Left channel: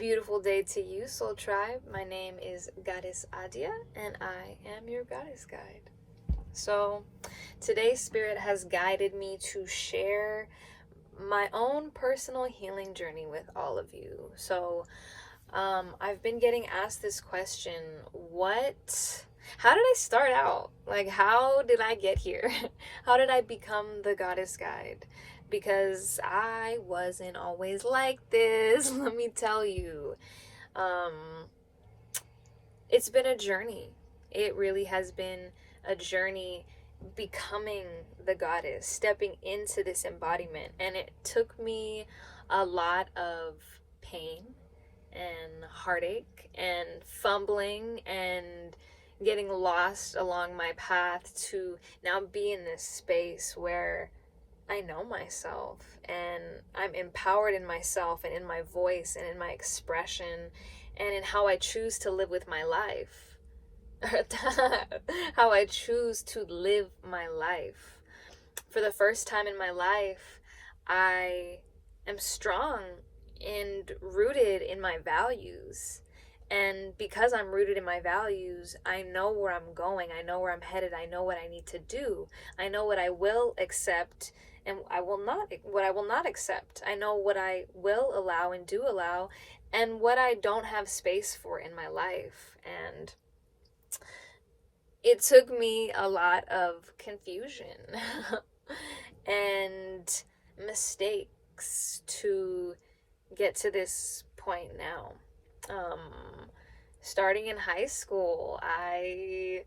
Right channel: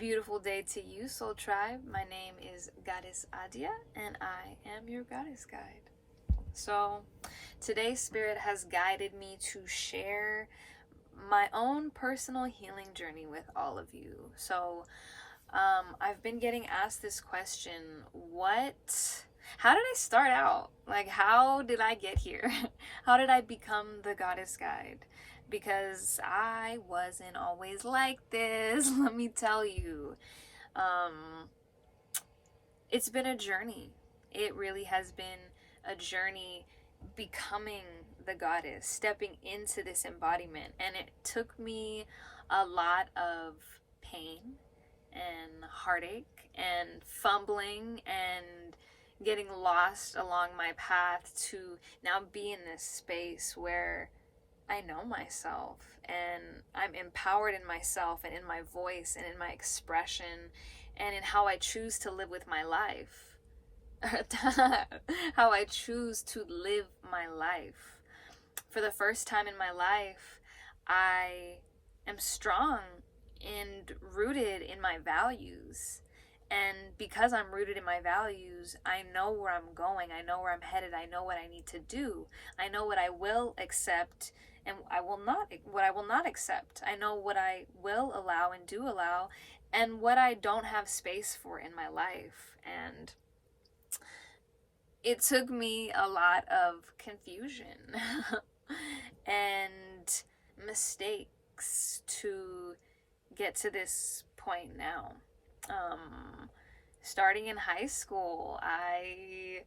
Beautiful day to you, Soul Tribe. My name is Goddess Adia, and I am your Goddess Guide. So, today, Spirit has guided me to share my own personal healing journey with all of you. So, I've been getting asked this question: how did I start out? Like, how did I get here? How did I become the Goddess Guide? Because I wasn't always like this, let me tell you. Um, it's been a journey. It really has been a journey becoming the goddess, stepping into this embodiment. And it took me a lot of pain and heartache and fumbling and getting lost along my path to now be in this space where I know myself and I'm empowered in myself and in my voice and in my expression and in how I choose to live with my life. How I choose to live my life. For the first time in my life, I am strong and rooted in my values. And because I'm rooted in my values, I know where I'm going. I know where I'm headed. I know what I need to do. I know what I will accept and what I will not accept. I know what I will allow and do allow and what I don't have space for in my life. And it took me a lot of confusion and mistakes to get to this point now. Starting in high school, I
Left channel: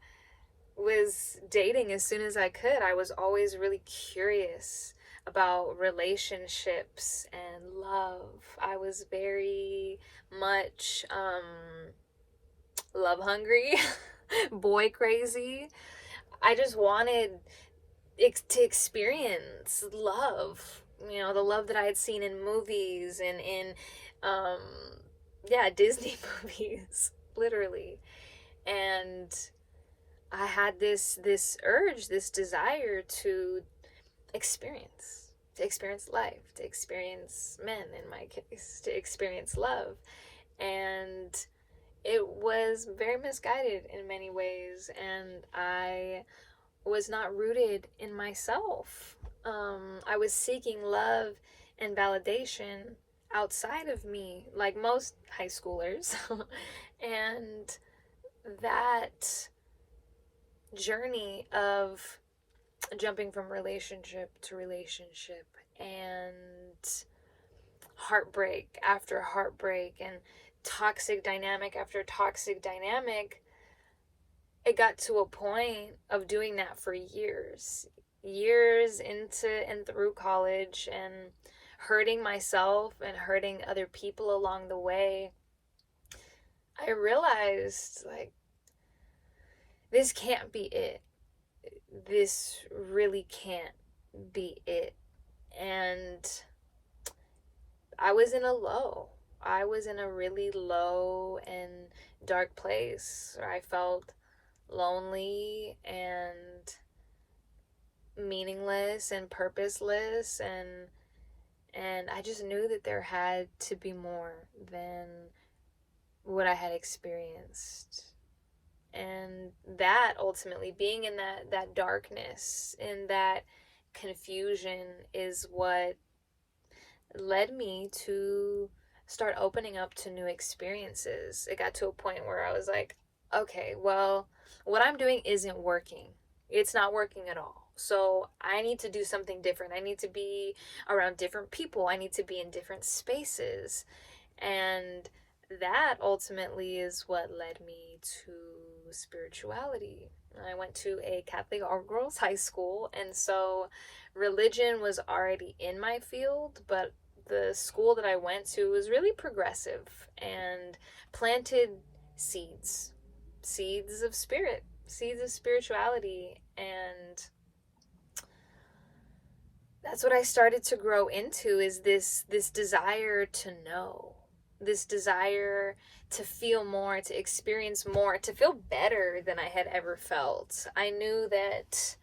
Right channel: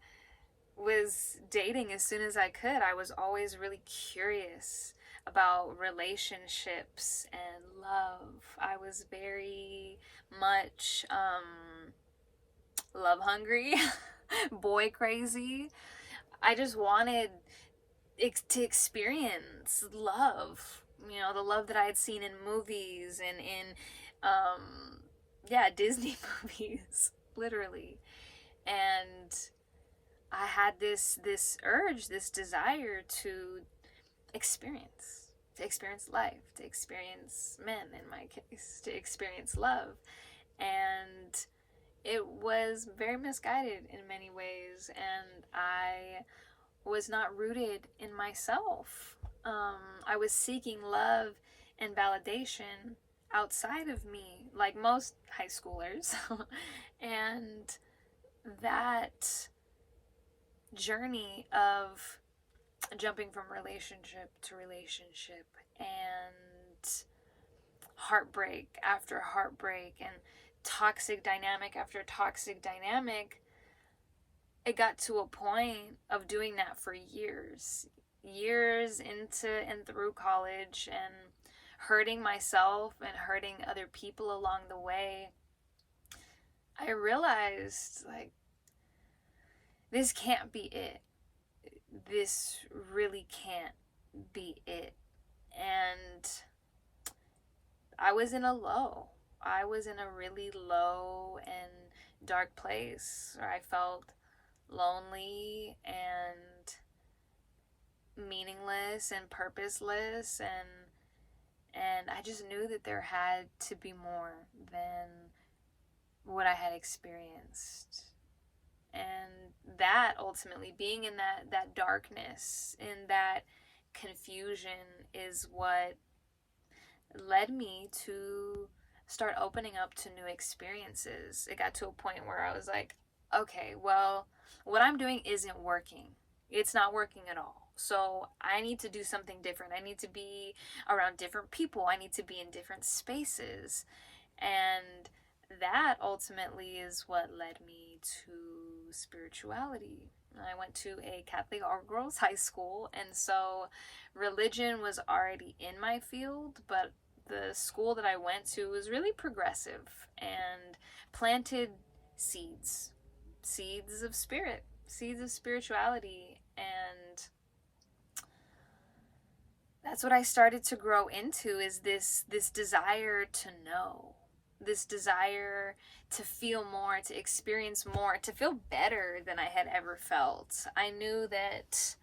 was dating as soon as I could. I was always really curious about relationships and love. I was very much love hungry, boy crazy. I just wanted to experience love, the love that I had seen in movies and in Disney movies, literally. And I had this urge, this desire to experience life, to experience men in my case, to experience love. And it was very misguided in many ways, and I was not rooted in myself. I was seeking love and validation outside of me, like most high schoolers. And that journey of jumping from relationship to relationship and heartbreak after heartbreak and toxic dynamic after toxic dynamic, it got to a point of doing that for years into and through college, and hurting myself and hurting other people along the way. I realized, like, this can't be it. This really can't be it. And I was in a really low and dark place where I felt lonely and meaningless and purposeless, and I just knew that there had to be more than what I had experienced. And that ultimately, being in that darkness, in that confusion, is what led me to start opening up to new experiences. It got to a point where I was like, okay, well, what I'm doing isn't working. It's not working at all. So I need to do something different. I need to be around different people. I need to be in different spaces. And that ultimately is what led me to spirituality. I went to a Catholic all-girls high school, and so religion was already in my field, but the school that I went to was really progressive and planted seeds of spirit, seeds of spirituality. And that's what I started to grow into, is this desire to know, this desire to feel more, to experience more, to feel better than I had ever felt. I knew that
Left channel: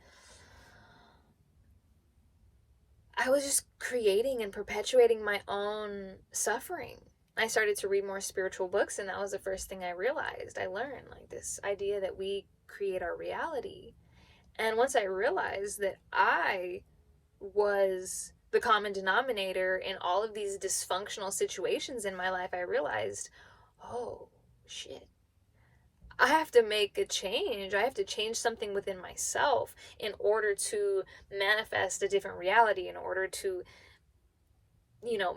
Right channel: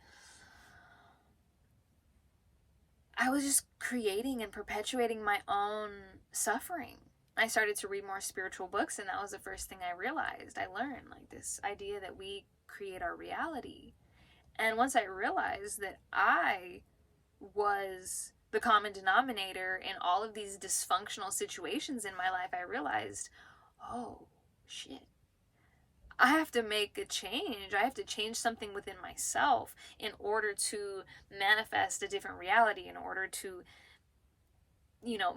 I was just creating and perpetuating my own suffering. I started to read more spiritual books, and that was the first thing I realized. I learned like this idea that we create our reality. And once I realized that I was the common denominator in all of these dysfunctional situations in my life, I realized, oh shit, I have to make a change. I have to change something within myself in order to manifest a different reality, in order to,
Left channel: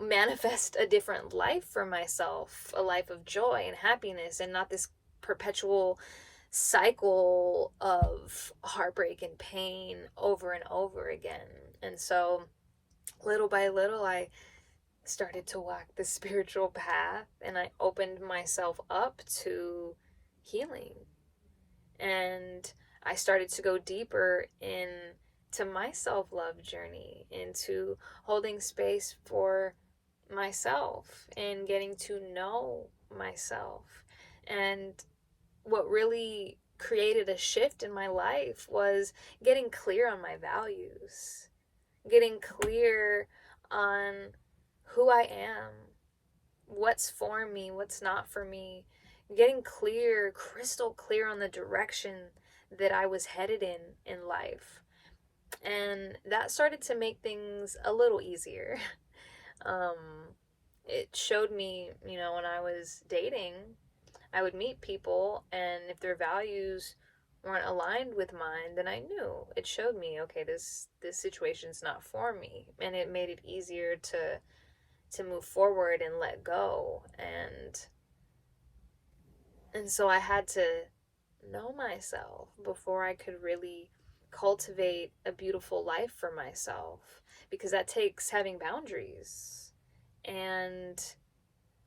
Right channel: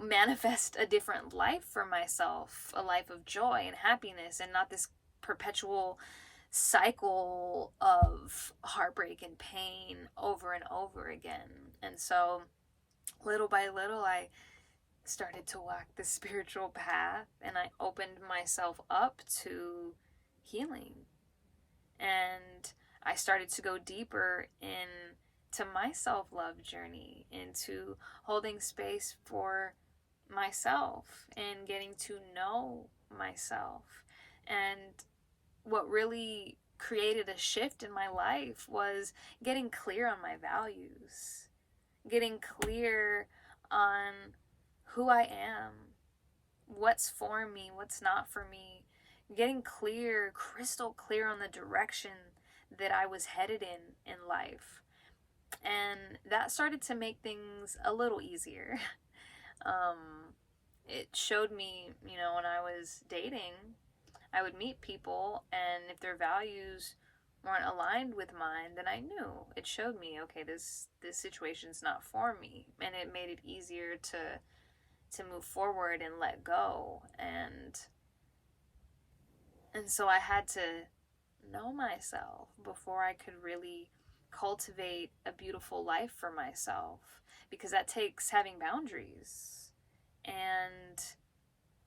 manifest a different life for myself, a life of joy and happiness, and not this perpetual cycle of heartbreak and pain over and over again. And so, little by little, I started to walk the spiritual path, and I opened myself up to healing. And I started to go deeper into my self-love journey, into holding space for myself and getting to know myself. And what really created a shift in my life was getting clear on my values, getting clear on who I am, what's for me, what's not for me, getting clear, crystal clear on the direction that I was headed in life. And that started to make things a little easier. It showed me, when I was dating, I would meet people, and if their values weren't aligned with mine, then I knew. It showed me, okay, this situation's not for me, and it made it easier to move forward and let go. And so I had to know myself before I could really cultivate a beautiful life for myself, because that takes having boundaries. And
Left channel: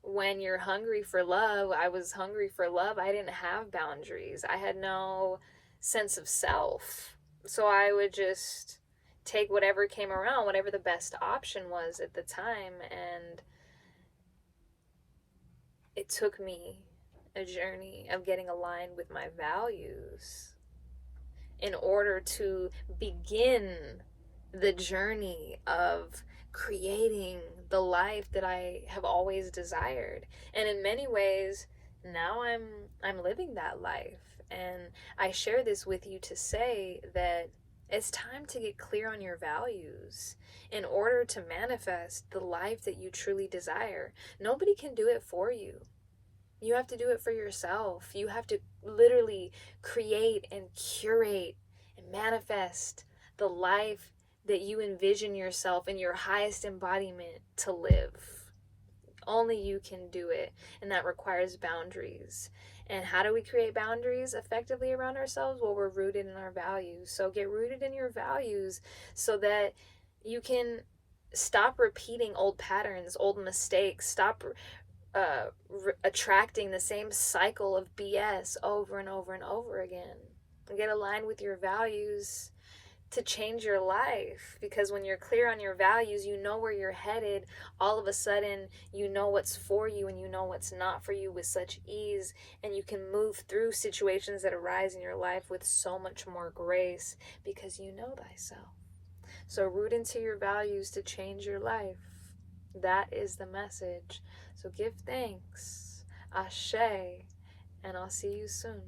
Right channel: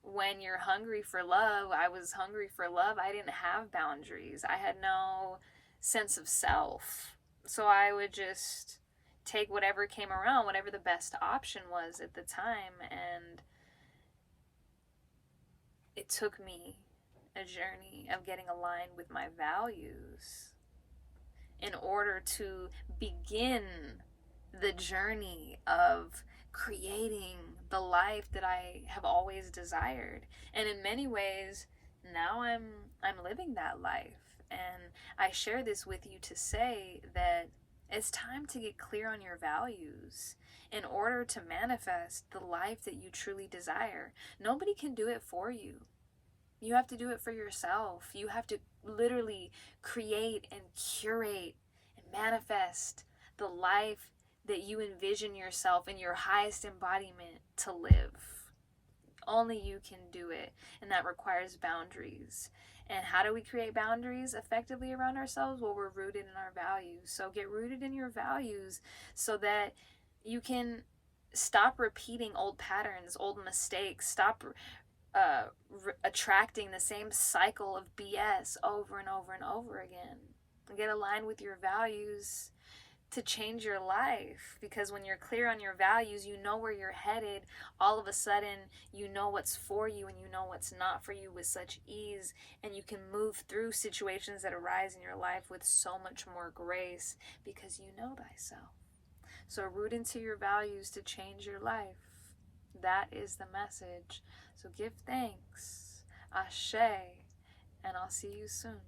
when you're hungry for love, I was hungry for love. I didn't have boundaries. I had no sense of self. So I would just take whatever came around, whatever the best option was at the time. And it took me a journey of getting aligned with my values in order to begin the journey of creating the life that I have always desired. And in many ways, now I'm living that life. And I share this with you to say that it's time to get clear on your values in order to manifest the life that you truly desire. Nobody can do it for you. You have to do it for yourself. You have to literally create and curate and manifest the life that you envision yourself in your highest embodiment to live. Only you can do it, and that requires boundaries. And how do we create boundaries effectively around ourselves? Well, we're rooted in our values. So get rooted in your values so that you can stop repeating old patterns, old mistakes, stop attracting the same cycle of BS over and over and over again. Get aligned with your values to change your life, because when you're clear on your values, you know where you're headed. All of a sudden, you know what's for you and you know what's not for you with such ease, and you can move through situations that arise in your life with so much more grace because you know thyself. So root into your values to change your life. That is the message. So give thanks, Ashe, and I'll see you soon.